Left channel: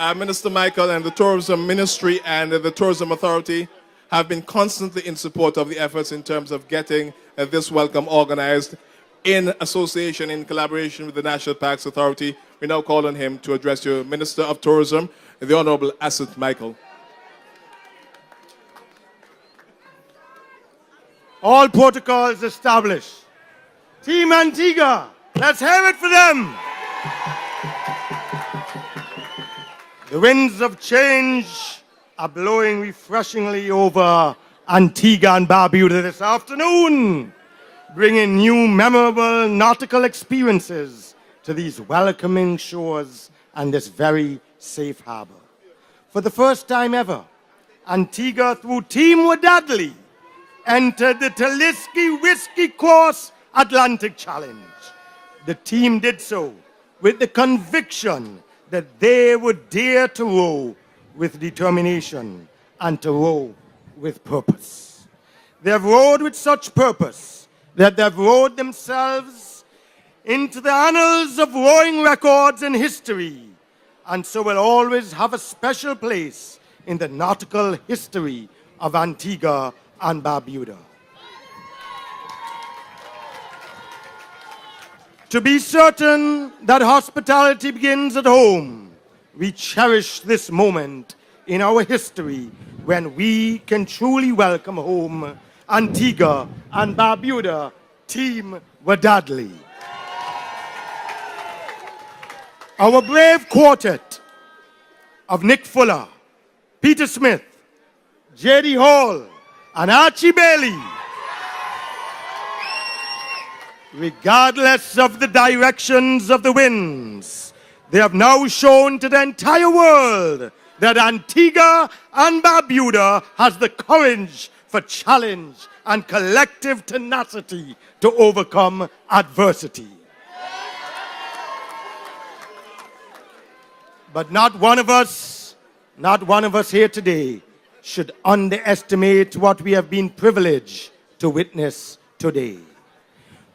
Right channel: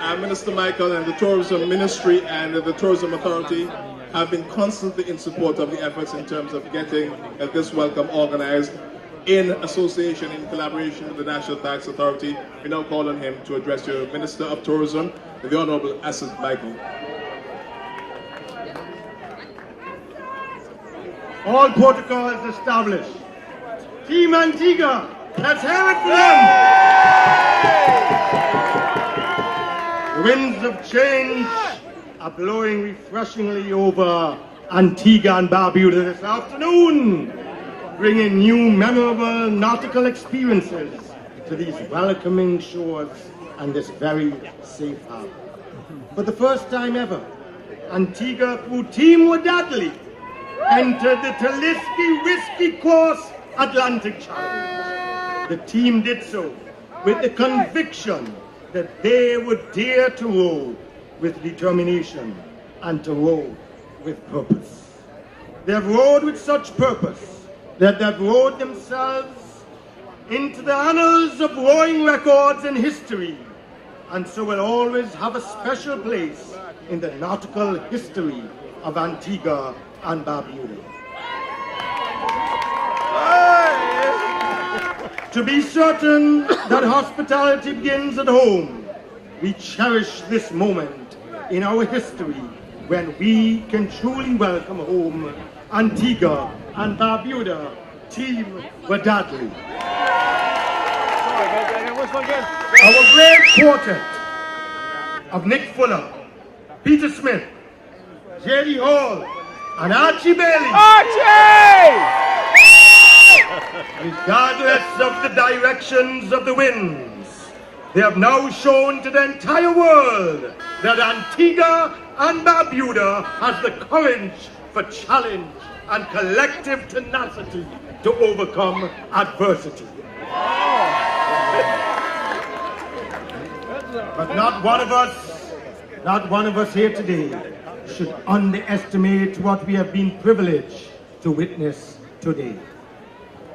Minister Michael and the Tourism Ministry and the Tourism Authority have been constantly in support of the efforts in terms of getting this welcome organized in association, in collaboration with the National Parks Authority. We now call on him to address you, Minister of Tourism, the Honorable Asot Michael. All protocols established. Team Antigua, let's hear it for them. The winds of change are blowing refreshingly over Antigua and Barbuda this afternoon, bringing new memorable nautical experiences to these welcoming shores and this very safe harbor. For the first time ever, Antigua, through Team Wadadli, entered the Talisker Whisky Course Atlantic Challenge. The team did so with the conviction that they would dare to row with determination and to row with purpose. They have rowed with such purpose that they have rowed themselves into the annals of rowing records in history, and so will always have a special place in the nautical history of Antigua and Barbuda. To be certain that hospitality begins at home, we cherish this moment in our history when we can truly welcome home Antigua and Barbuda, Team Wadadli. Our brave quartet of Nick Fuller, Peter Smith, J.D. Hall, and Archie Bailey. Archie! Regardless of the directions of the winds, they have now shown to the entire world that Antigua and Barbuda has the courage for challenge and collective tenacity to overcome adversity. But not one of us here today should underestimate what we have been privileged to witness today.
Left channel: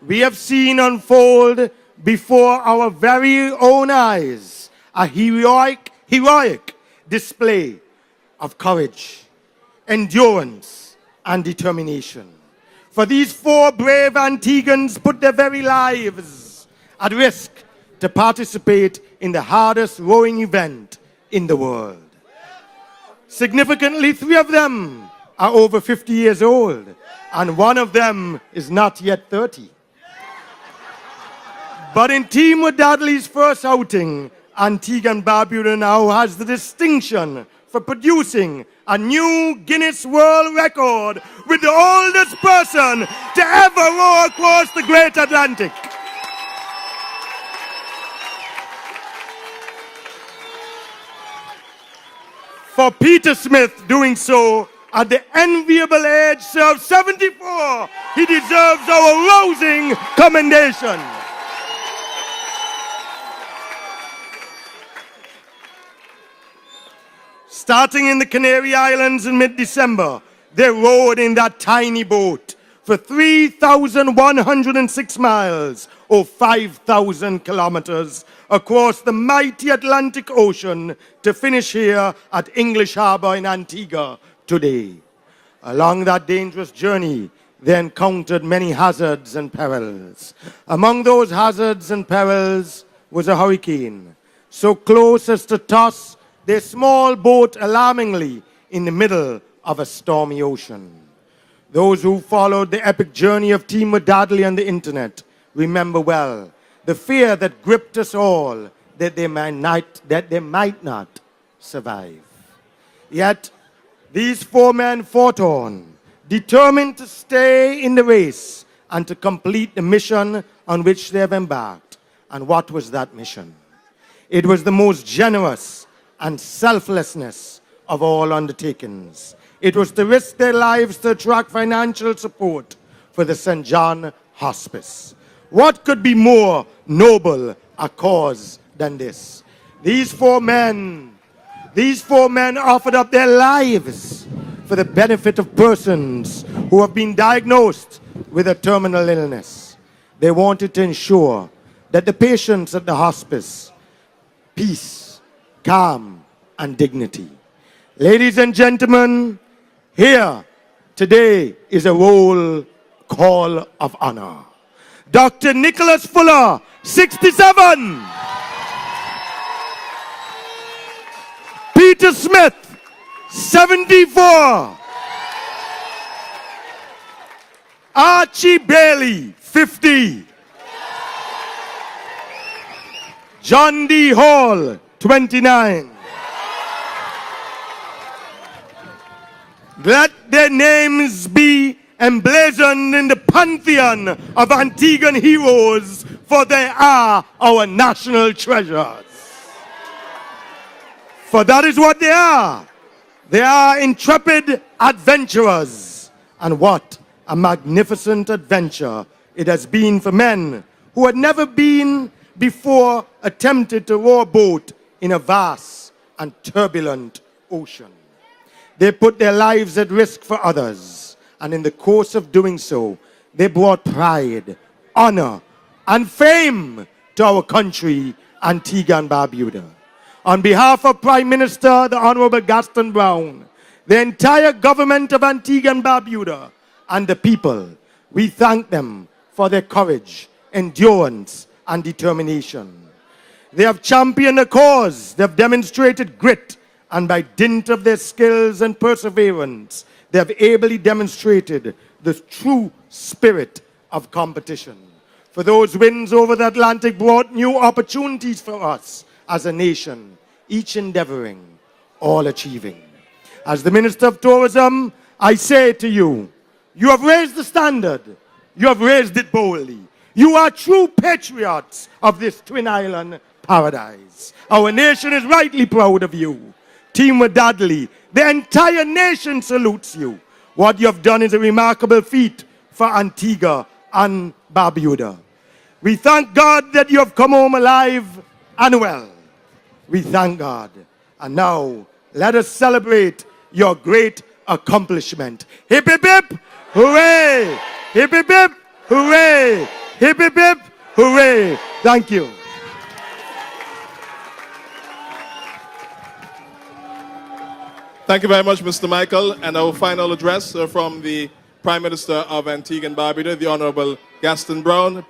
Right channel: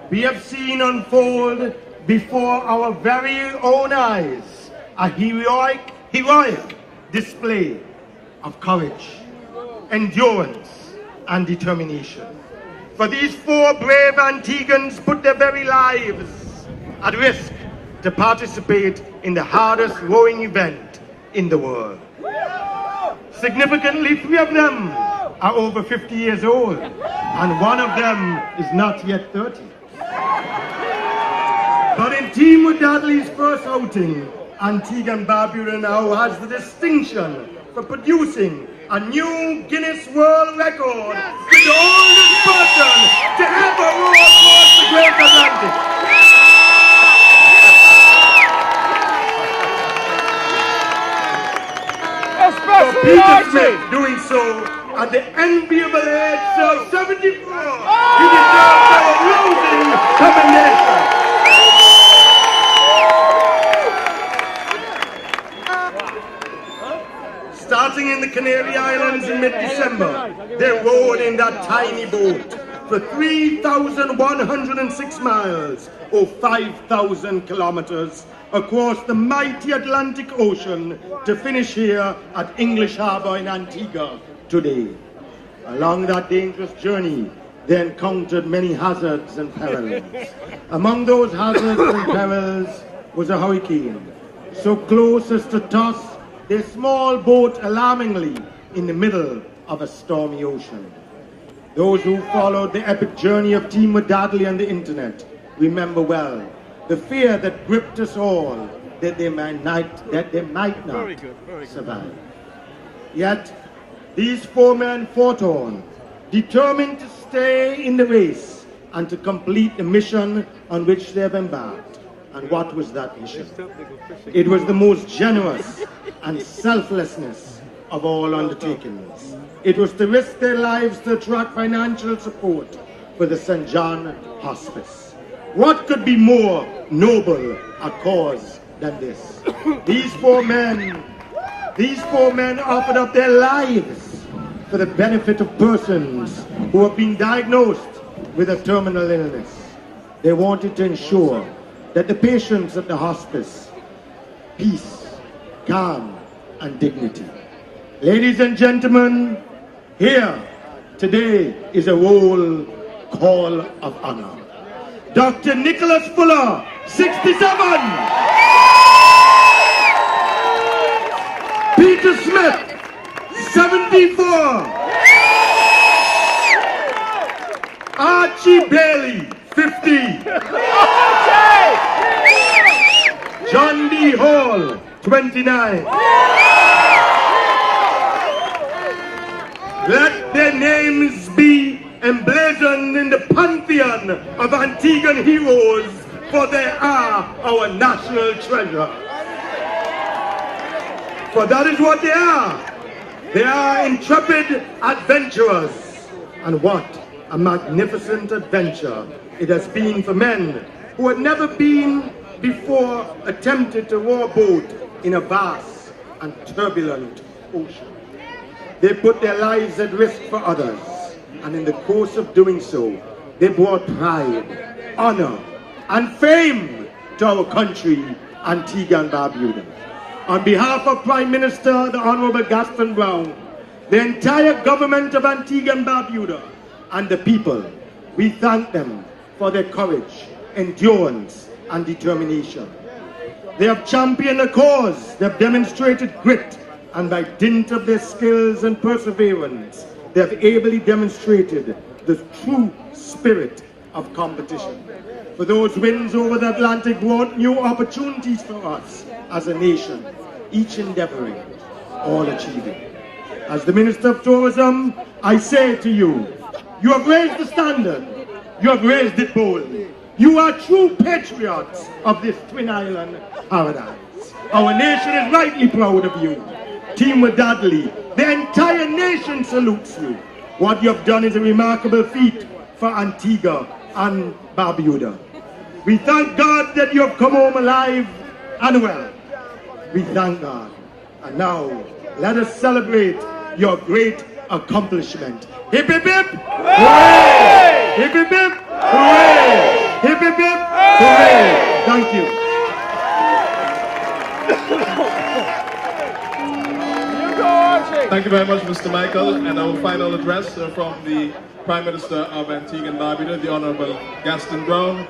We have seen unfold before our very own eyes a heroic display of courage, endurance, and determination. For these four brave Antiguans put their very lives at risk to participate in the hardest rowing event in the world. Significantly, 3 of them are over 50 years old, and 1 of them is not yet 30. But in Team Wadadli's first outing, Antigua and Barbuda now has the distinction for producing a new Guinness World Record with the oldest person to ever row across the Great Atlantic. For Peter Smith doing so at the enviable age of 74, he deserves our rousing commendation. Starting in the Canary Islands in mid-December, they rowed in that tiny boat for 3,106 miles, or 5,000 kilometers, across the mighty Atlantic Ocean to finish here at English Harbour in Antigua today. Along that dangerous journey, they encountered many hazards and perils. Among those hazards and perils was a hurricane, so close as to toss their small boat alarmingly in the middle of a stormy ocean. Those who followed the epic journey of Team Wadadli on the internet remember well the fear that gripped us all that they might not survive. Yet these 4 men fought on, determined to stay in the race and to complete the mission on which they have embarked. And what was that mission? It was the most generous and selflessness of all undertakings. It was to risk their lives to attract financial support for the St. John Hospice. What could be more noble a cause than this? These four men offered up their lives for the benefit of persons who have been diagnosed with a terminal illness. They wanted to ensure that the patients at the hospice peace, calm, and dignity. Ladies and gentlemen, here today is a roll call of honor. Dr. Nicholas Fuller, 67. Peter Smith, 74. Archie Bailey, 50. John D. Hall, 29. Let their names be emblazoned in the pantheon of Antiguan heroes, for they are our national treasures. For that is what they are. They are intrepid adventurers. And what a magnificent adventure it has been for men who had never been before attempted to row a boat in a vast and turbulent ocean. They put their lives at risk for others, and in the course of doing so, they brought pride, honor, and fame to our country, Antigua and Barbuda. On behalf of Prime Minister, the Honorable Gaston Brown, the entire government of Antigua and Barbuda, and the people, we thank them for their courage, endurance, and determination. They have championed a cause, they have demonstrated grit, and by dint of their skills and perseverance, they have ably demonstrated the true spirit of competition. For those wins over the Atlantic brought new opportunities for us as a nation, each endeavoring, all achieving. As the Minister of Tourism, I say to you, you have raised the standard, you have raised it boldly. You are true patriots of this Twin Island paradise. Our nation is rightly proud of you. Team Wadadli, the entire nation salutes you. What you have done is a remarkable feat for Antigua and Barbuda. We thank God that you have come home alive and well. We thank God. And now, let us celebrate your great accomplishment. Hip hip hip, hooray! Hip hip hip, hooray! Hip hip hip, hooray! Thank you. Thank you very much, Mr. Michael. And our final address from the Prime Minister of Antigua and Barbuda, the Honorable Gaston Brown.